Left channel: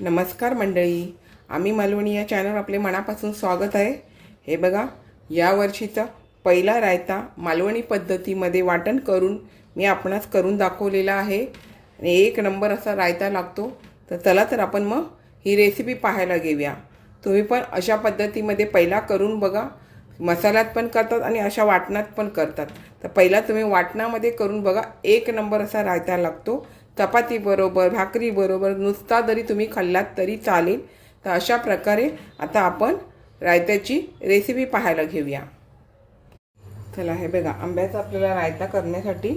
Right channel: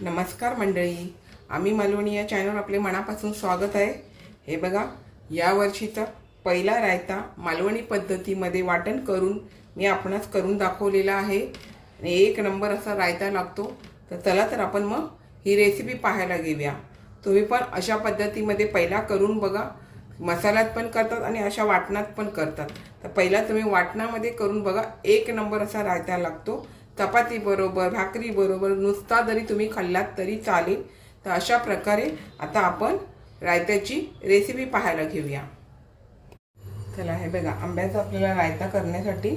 नमस्कार मंडळी, आम्ही मालवणी या चॅनल आपले मनापासून स्वागत आहे। हे बघा, या वर्षीचा पहिला रायता मालवणी पद्धतीमध्ये वाटण करून मी आपणास करून दाखवलेला आहे आणि एक नंबर असा रायता लागतो। तर चला तर आपण मग ही रेसिपी पाहायला घेऊया। तुम्ही पण अशा पद्धतीमध्ये पहिला करून बघा। मसाल्यात पण करतात आणि अशा वाटणात पण करतात। तर पहिला तुम्ही वाटणामध्ये करून बघा, एक नंबर असा रायता लागतो। चपाती बरोबर, भाकरी बरोबर, नुसता जरी तुम्ही खाल्लात तरी चालेल। तर अशा प्रकारे आता आपण रायत्याची रेसिपी पाहायला घेऊया। चला, हे बघा, आंब्याचा आपल्याला रायता करण्यासाठी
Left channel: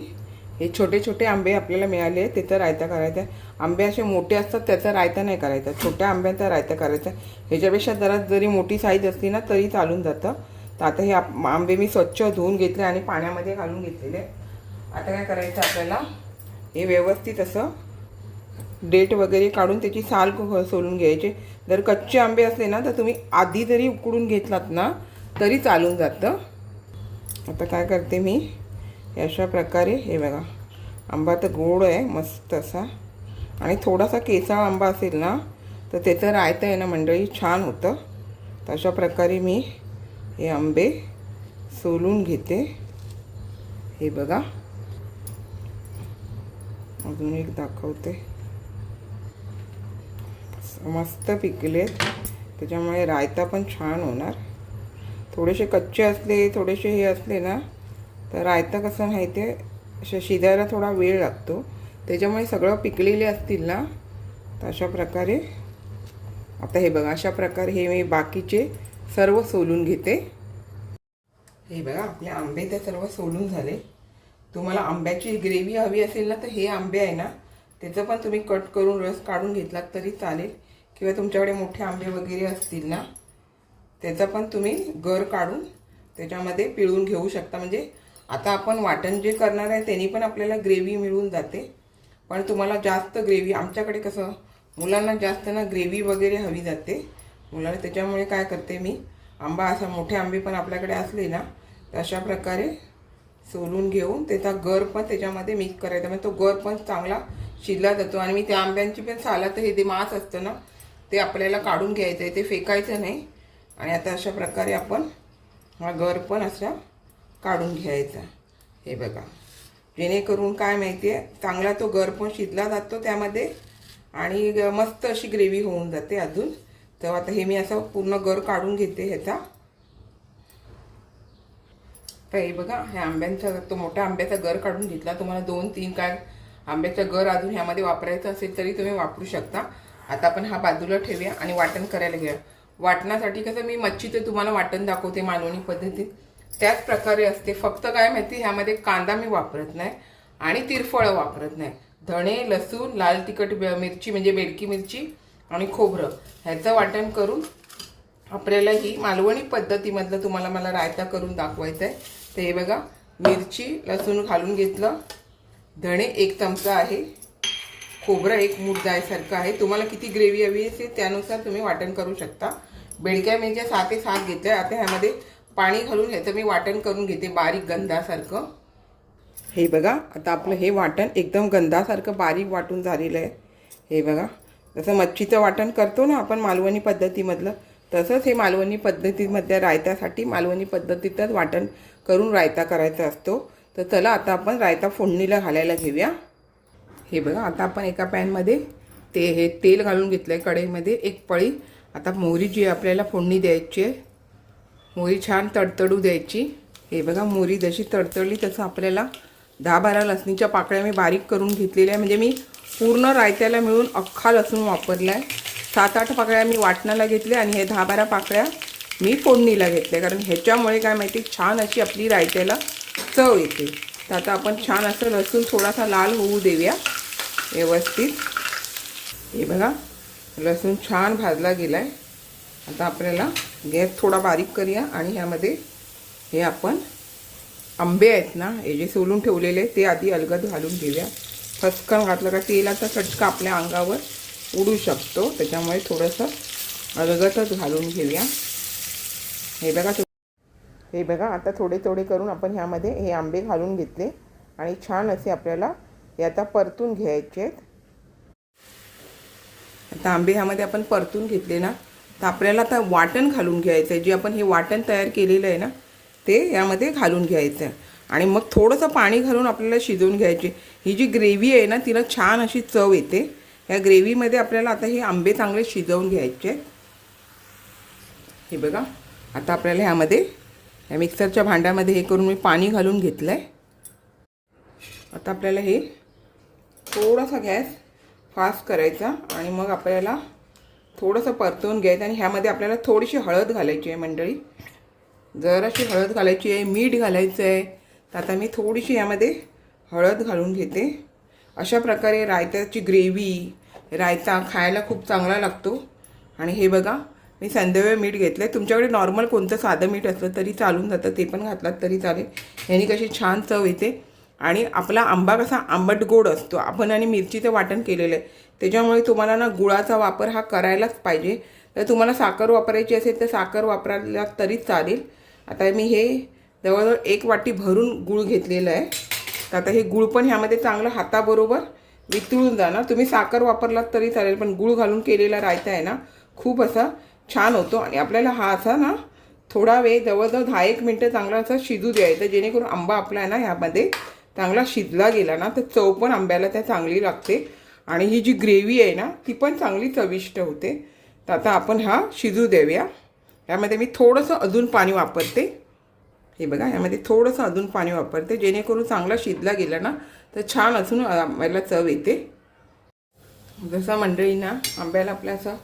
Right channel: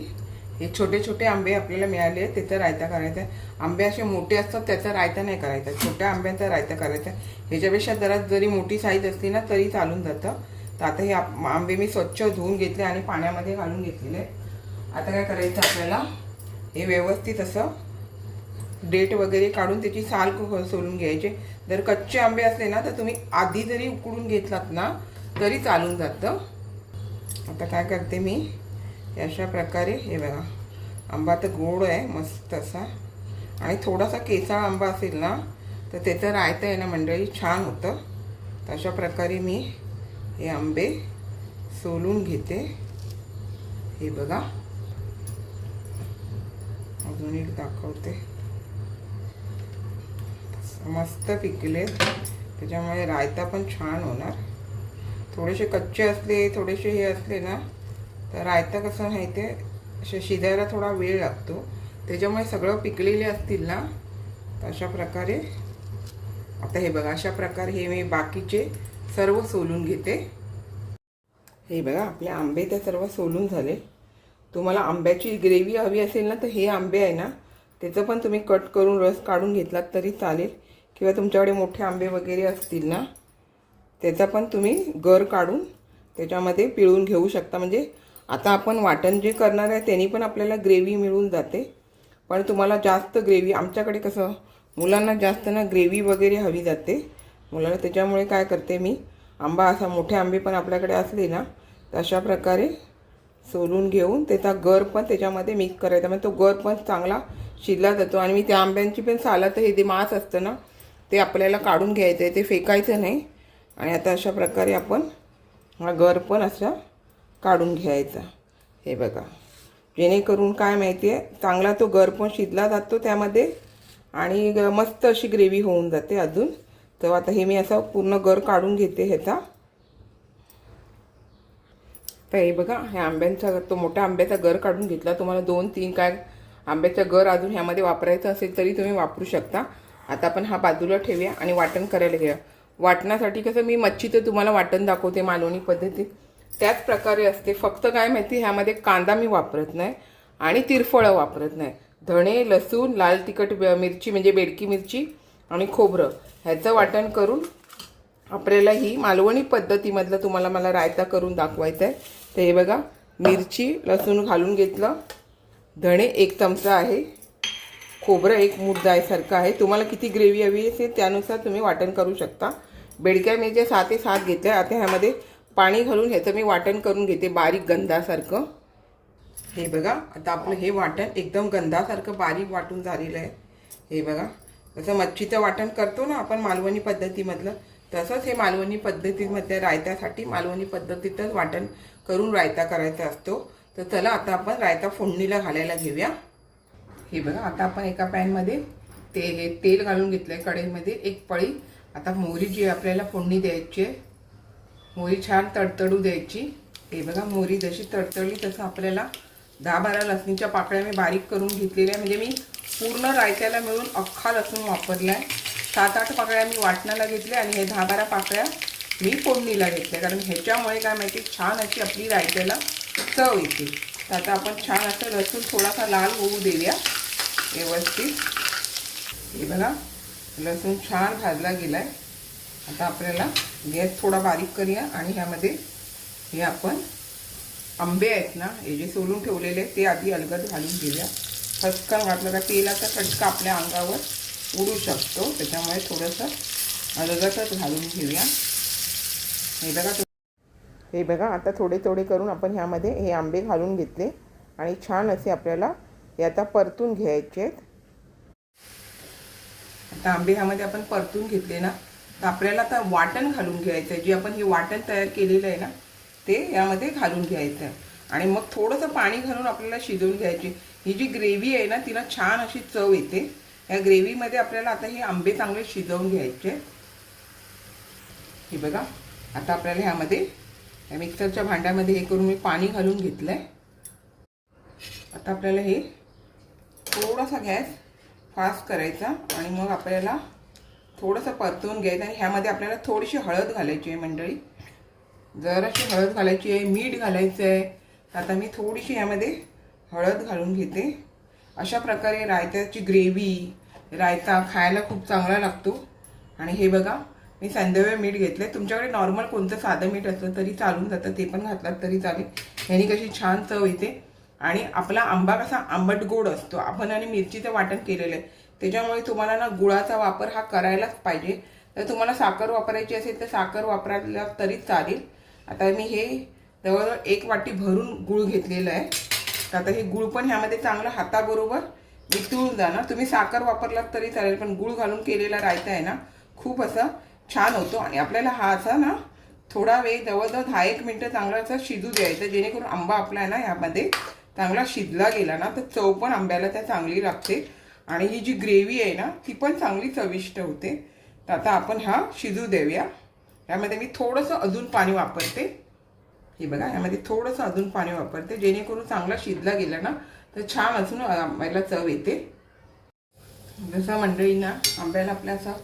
हे छोटे छोटे आंबे आपल्याला मिळाले आहेत, त्याचा रायता करायचा आहे। आंबे असे मोठे असतात त्याचा रायता नाही करायचा, छोट्या आंब्याचा रायता करायचा। ह्याच्यापेक्षा जरा जरी मोठी साईज असली ना तरी चालून जातं। तर आता हे आंबे मी स्वच्छ धुवून घेतले आणि पाण्यामध्ये घालून घेतलेले। आता काय करायचं, आपल्याला हे व्यवस्थित असं डेट वगैरे काढून त्याची साल सोलून घ्यायचे। जर कच्चे आंबे असले ना तर तुम्ही आधी जरी उकडून घेतलात ना तरी चालून जातं। आता काय करते मी, अशा प्रकारे हे बघा, आंबा तर गोड आहे मस्त असा, आणि थोडासा केसाळ आंबा असेल ना तर त्याचं रायता आहे ना मंडळी छान होतं। तर अशा प्रकारे मी हे आंबे सोलून घेते। हे बघा, अजून एक दाखवते, मस्त पिकले, त्याच्यामुळे रायता पण छान होणार। थोडेसे कच्चे असले, थोडेसे हे असले ना तर रायता कसं माहिती आहे, अशा शिजायला थोडा वेळ लागतो। त्याच्यामुळे सगळं पिकलेले असतील ना तर अशा प्रकारे आता हे बघा, अशा प्रकारे हे मी बाकीचे सर्व सोलून घेते। हे बघा, आपले आंबे तर सर्व सोलून झाले। तुम्हाला आंब्याची ग्रेव्ही हवी असेल ना तर हे आंबे आहे ना त्याचं पण तुम्ही कट करून रस काढून घेतलात तरी चालेल, किंवा तुमच्याकडे मोठे आंबे वगैरे असतील ना त्याचा पण तुम्ही गर काढून त्याच्यामध्ये पिळून घेऊ शकता। म्हणजे आता आपण वाटण जे करणार आहे त्यांनी पण आपल्याला ग्रेव्ही मिळून जाते। पण तुम्हाला जास्त ग्रेव्ही, आमच्याकडे कसं मुलांना जास्त ना ग्रेव्ही वगैरे हवी जाते मुलांना, त्याच्यामुळे काय करते मी, आंबा असा मोठे आंबे पण आपल्याकडे असले ना तर अशा प्रकारे सोलून घेऊन त्याचा गर पण त्याच्यामध्ये मिक्स करायचा, म्हणजे तो गर पण चांगला शिजला जातो। आणि मी त्या आंब्यांची पण सालात हे जे मांस असतं ना ते आपल्याला काढून घ्यायचं आहे, ते फेकायचं नाही। आणि आता अशा प्रकारे आपण हा गर पण असा काढून घ्यायचा। हे बघा, जेणेकरून काय माहिती आहे, चांगला तो गर पण शिजला जातो त्यामध्ये आणि मस्त अशी ग्रेव्ही होऊन जाते अजून। तर आता हे मी असं पूर्ण गर काढून घेते ह्याचा। तर हे बघा, ह्या आंब्यांचा, तो मोठ्या आंब्याचा गर काढून घेतला। तुम्हाला 2-3 काय आंब्याचा गर अजून ह्यामध्ये वापरायचा असेल तरी तुम्ही वापरू शकता। आता आपण हा बाजूला ठेवूया आणि वाटण करायला घेऊया। वाटणासाठी कसं मी मच्छीचं तुम्हाला वाटण दाखवते मालवणी पद्धतीत, त्याच प्रकारे असते। फक्त काय माहिती, ह्यामध्ये कांदा मी वापरत नाही आणि तिरफळं वापरत नाही। धणे, लसूण, लाल तिखट मिरची म्हणजे बेडकी मिरची आणि खोबरं ह्याचं वाटण करून आपल्याला ही मालवणी पद्धतीमधलं तुम्हाला मला रायता करून दाखवायचं आहे। तर हे बघा, मिरची लसूण घालून घेतलं, धणे 1 चमचा आहे, खोबरं 1 मूठ जायसारखं आहे। तुम्हाला किती ग्रेव्ही हवी असेल त्यानुसार तुम्ही वाटण करू शकता। बेडक्या मिरच्या 6 ते 7 घेतल्या। आता ह्यामध्ये पाणी घालून ह्याचं मी वाटण करून घेते बारीक गंधासारखं। हे बघा, आता आपलं हे वाटण एकदम गंधासारखं बारीक वाटून झालेलं आहे। हे बघा, जसं मच्छीचं वाटण करतो ना आपण मालवणी पद्धतीमधलं, तसंच हे मालवणी पद्धतीमधल्या रायत्यासाठी मालवणी पद्धतीतच वाटण करून रायता करायचा असतो। तर चला आता आपण रायता फोडणीला घालायला घेऊया। हे बघा, आता आपण एका पॅनमध्ये हे तेल घालून घेतलं आहे, कढईमध्ये 1 पळी। आता मोहरीची आपल्याला फोडणी द्यायची आहे, मोहरी छान तडतडू द्यायची। हे बघा, मोहरी जशी तडतडली तसं आपल्याला 10-12 लसणीच्या पाकळ्या मी बारीक करून घेतलेल्या आहे। म्हणजे मी पूर्ण रायत्याला मिळून अख्खा लसूण वापरला आहे। 7-8 पाकळ्या मी वाटणाला घेतल्या आणि हे 10-12 पाकळ्या मी फोडणीला घेतल्या, कारण ह्याच्यामुळे काय माहिती छान अशी आपली रायत्याला चव येते। तर आता आपण छान असं लसूण थोडासा लाल होऊ देऊया व्यवस्थित। हे बघा, लसूण छान भाजला गेला आहे। आता आपल्याला गॅस थोडा बारीक करूया आणि ह्यामध्ये हे आपण आंबे आहेत ना, हे जे सोलून ठेवलेले ते आधी अलगद घालून घेऊया। फसकन घातलं का तेलाचा चटका आपल्या अंगावर उडू शकतो, त्याच्यामुळे थोडंसं अलगदच घालून घेऊया। हे बघा, आता थोडे थोडे करून आपण ह्यामध्ये हे आंबे घालून घेतले आणि छान असे आपल्याला हे आता परतून घ्यायचे आहेत। आता आंबे ह्यामध्ये आपण परतून घेतले ना, तर आपल्याला आता वाटण घालून घ्यायचं आहे. जे आपण हे वाटण तयार केलेलं आहे ना, ते यामध्ये घालून घ्यायचं आहे आणि मग थोडंसं पाणी घालून आपल्याला शिजवून घ्यायची. ही जी ग्रेव्ही आहे ना, तिला छान अशी चव येते. या ग्रेव्हीमध्ये आपल्याला आता हे आंबे चांगले शिजवून घ्यायचे. हे बघा, आता आपल्याला ह्यामध्ये या मिक्सरच्या भांड्यामध्ये हे करून मी पाणी घालून घेतलं आहे. आता आपल्याला हे थोडासा गॅस फास्ट करायचा आणि मग आपल्याला थोडंसं परतवून घ्यायचं आणि ह्यामध्ये आपल्याला थोडीशी हळद घालायची आहे मंडळी. जराशी हळद घालायची आहे, मीठ घालायचं आहे. तर आता मी थोडीशी यामध्ये हळद घालून घेते. अशा प्रकारे रायत्याची ग्रेव्ही, रायता खायला खूप चांगला लागतो. आणि हे बघा, मी संदवे मीठ घेतलं आहे. तुमच्याकडे नॉर्मल कोणतं साधं मीठ असलं तरी चालून जातं, ते पण घातलात तरी चालेल. ह्यानी कशी छान चव येते. आणि आपला आंबा कसा आंबट गोड असतो, आपण आणि मिरचीचं वाटण केलेलं आहे, त्याच्यामुळे तुम्हाला ना गुळाचा वापर हा करायलाच पाहिजे. तर तुम्हाला साखर वापरायची असेल तर साखर वापरायला तरी चालेल. आता मी हे जवळजवळ 1 वाटी भरून गूळ घेतलेलं आहे. तर आता हे गूळ पण ह्यामध्ये चांगलं हाताबरोबर वितळून जाणार. तुम्ही साखर वापरलात तरी चालेल, पण गूळ घालून केलेला रायता आहे ना, खूप असा छान होतो. आणि आपल्याला हा असा ना थोडा वेळ जवळजवळ 10-1 मिनटं चांगला असा शिजू द्यायचा, जेणेकरून आंबा आपला आहे ना ह्यामध्ये चांगला शिजला गेला ना, तर चव पण आंब्याला त्या चांगली लागते आणि ही जी ग्रेव्ही आहे ना, ती पण चांगली चविष्ट होते. तर आता आपण हा शिजू देऊया. यामध्ये मी थोडंसं अजून पाणी वापरते. हे बघा, यामध्ये थोडंसं अजून पाणी वापरते, जेणेकरून चांगला शिजला गेला ना, तर छान असून आंब्याला चव येते. जसा मंडळी ना आंब्याला आपल्या असा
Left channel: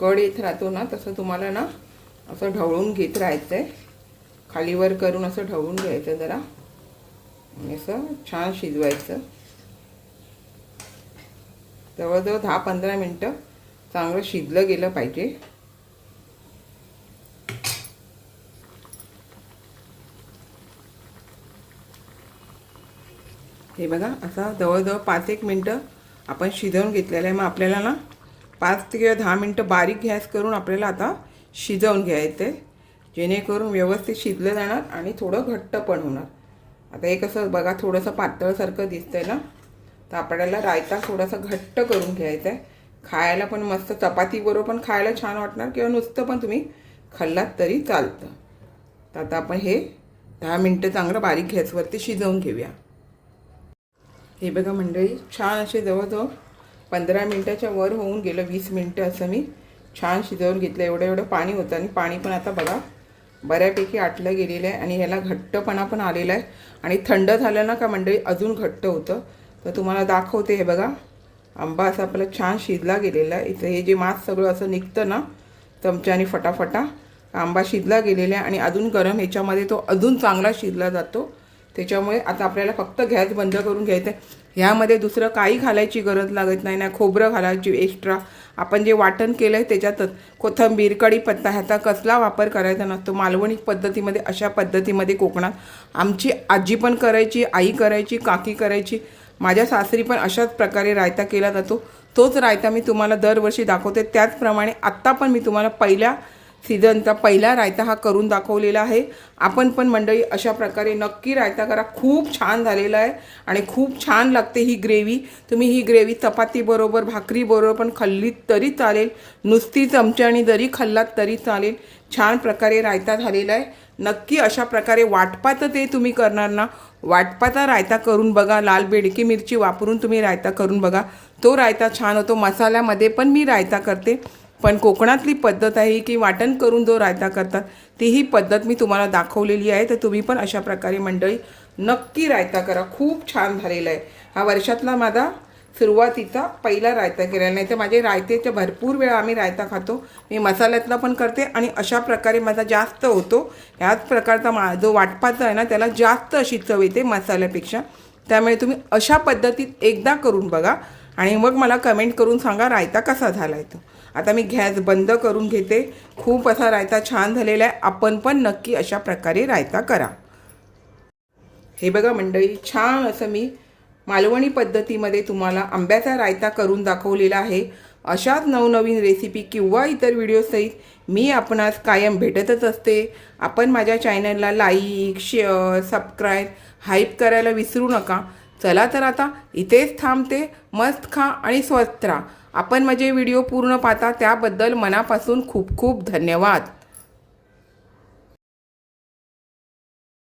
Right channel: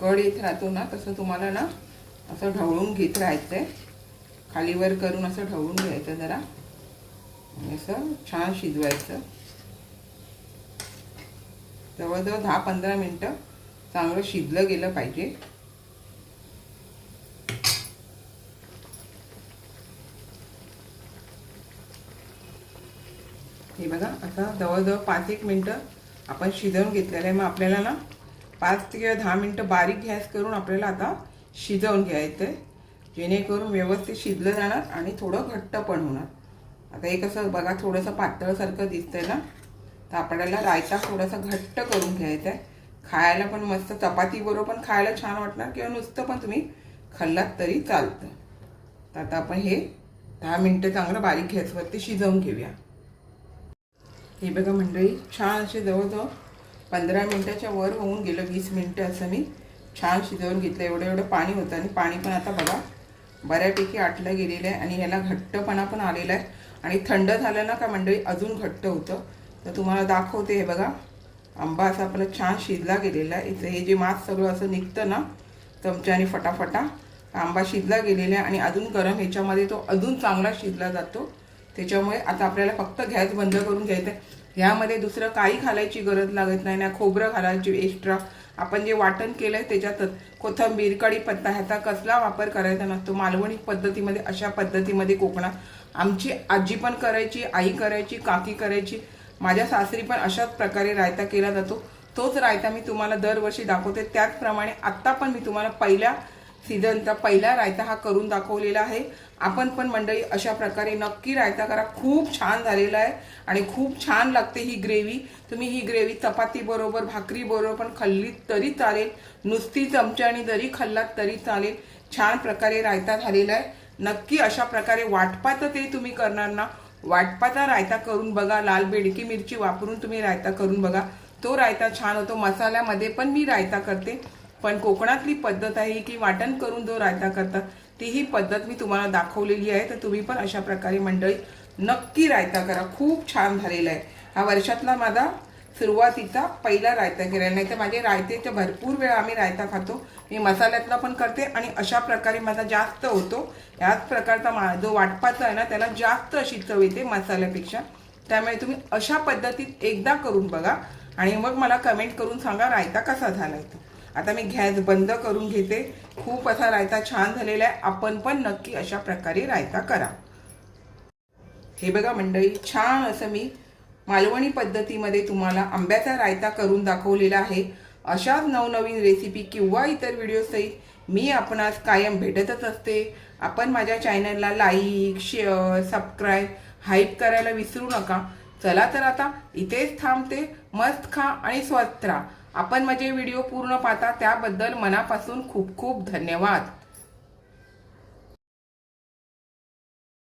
कड येत राहतो ना, तसं तुम्हाला ना असं ढवळून घेत राहायचं आहे. खालीवर करून असं ढवळून घ्यायचं जरा, असं छान शिजवायचं. जवळजवळ 10-15 मिनटं चांगलं शिजलं गेलं पाहिजे. हे बघा, असा जवळजवळ 5-1 मिनटं आपण शिजवून घेतलेलं आहे. मग आपल्याला ना 5 किंवा 10 मिनटं बारीक गॅस करून आपल्याला आता शिजवून घ्यायचं आहे, जेणेकरून व्यवस्थित शिजलं जाणार आणि थोडं घट्ट पण होणार. आता हे कसं बघा, थोडंसं पातळसारखं दिसतंय ना, तर आपल्याला रायता थोडासा घट्ट करून घ्यायचा आहे. खायला पण मस्त चपातीबरोबर पण खायला छान वाटणार, किंवा नुसतं पण तुम्ही खाल्लात तरी चालतं. तर आता आपण हे 10 मिनटं चांगलं बारीक गॅसवरती शिजवून घेऊया. हे बघा मंडळी, छान असे जवळजवळ 15 मिनटाच्या वर होऊन गेलं, 20 मिनटं असं मी छान शिजवून घेतलं. एवढं पाणी होतं आणि पाणी पण आता बघा बऱ्यापैकी आटलं गेलेलं आहे आणि याला घट्टपणा पण आलेला आहे. आणि थंड झालं ना का मंडळी अजून घट्ट होतं. तर तुम्हाला दाखवते. हे बघा, आंबा असा आपला छान शिजला गेलेला आहे. इथं हे जे मांस सगळं असं निघतं ना चमच्याने फटाफटा, आंबा शिजला गेलेला आहे आणि अजून गरम ह्याच्यामध्ये तो अजून चांगला शिजला जातो. त्याच्यामुळे आता आपल्याला फक्त गॅस बंद करून घ्यायचं आहे. ह्यामध्ये दुसरं काही घालायची गरज लागत नाही ना, खोबरं घालायची एक्स्ट्रा. आपण जे वाटण केलं आहे त्याच्यातच कोथिंबीर, कढीपत्ता ह्याचा कसला वापर करायचा नसतो. मालवणी पद्धतीमध्ये, अशा पद्धतीमध्ये कोकणात आमची आजी पण करायची, आई करायची, काकी करायची. माझ्या सासरी पण अशाच प्रकारे रायता केला जातो. तोच रायता मी तुम्हाला दरवर्षी दाखवते. त्याचप्रमाणे आत्ता पण मी तुम्हाला पहिल्या सीझनचा पहिला रायता हा करून दाखवलेला आहे. आपण पण मंडळी अशा प्रकारे नक्की रायता करा. खूप छान झालेला आहे आणि खूप छान लागते ही ग्रेव्ही. तुम्ही ही ग्रेव्ही चपातीबरोबर, भाकरीबरोबर पण खाल्लीत तरी चालेल, नुसती चमच्याने जरी खाल्लात तरी चालेल. छान प्रकारे रायता झालेला आहे. नक्की अशा प्रकारे वाटपाचं ते तुम्ही करणार ना, वाटपाचा रायता करून बघा. लाल बेडकी मिरची वापरून तुम्ही रायता करून बघा, तो रायता छान होतो. मसाल्यामध्ये पण मी रायता करते, पण कोकणातली पद्धत आहे की वाटण करून जो रायता करतात, ती ही पद्धत मी तुम्हाला दाखवलेली आहे. तर तुम्ही पण अशा प्रकारे मंडळी नक्की रायता करा. खूप छान झालेला आहे. हा वर्षातला माझा सुरुवातीचा पहिला रायता केलेला. नाही तर माझे रायतेच्या भरपूर वेळा आम्ही रायता खातो. मी मसाल्यातला पण करते आणि अशा प्रकारे माझा जास्त होतो. याच प्रकारचा जो वाटपाचा आहे ना, त्याला जास्त अशी चव येते मसाल्यापेक्षा. त्यामुळे तुम्ही अशा पद्धतीत एकदा करून बघा आणि मग मला कमेंट करून सांगा रायता कसा झाला आहे तो. आता मी गॅस बंद करून घेते. खूप असा रायता छान झालेला आहे. आपण पण नक्की अशा प्रकारे रायता करा. हे बघा मंडळी, छान असं मी मालवणी पद्धतीमध्ये तुम्हाला आंब्याचा रायता करून दाखवलेला आहे. अशाच नवनवीन रेसिपी किंवा इतर व्हिडिओसहित मी आपणास कायम भेटतच असते. आपण माझ्या चॅनलला लाईक, शेअर, सबस्क्राईब, हाईप करायला विसरू नका. चला तर आता इथेच थांबते. मस्त खा आणि स्वस्त राहा. आपण माझे व्हिडिओ पूर्ण पाहता त्याबद्दल मनापासून खूप खूप धन्यवाद.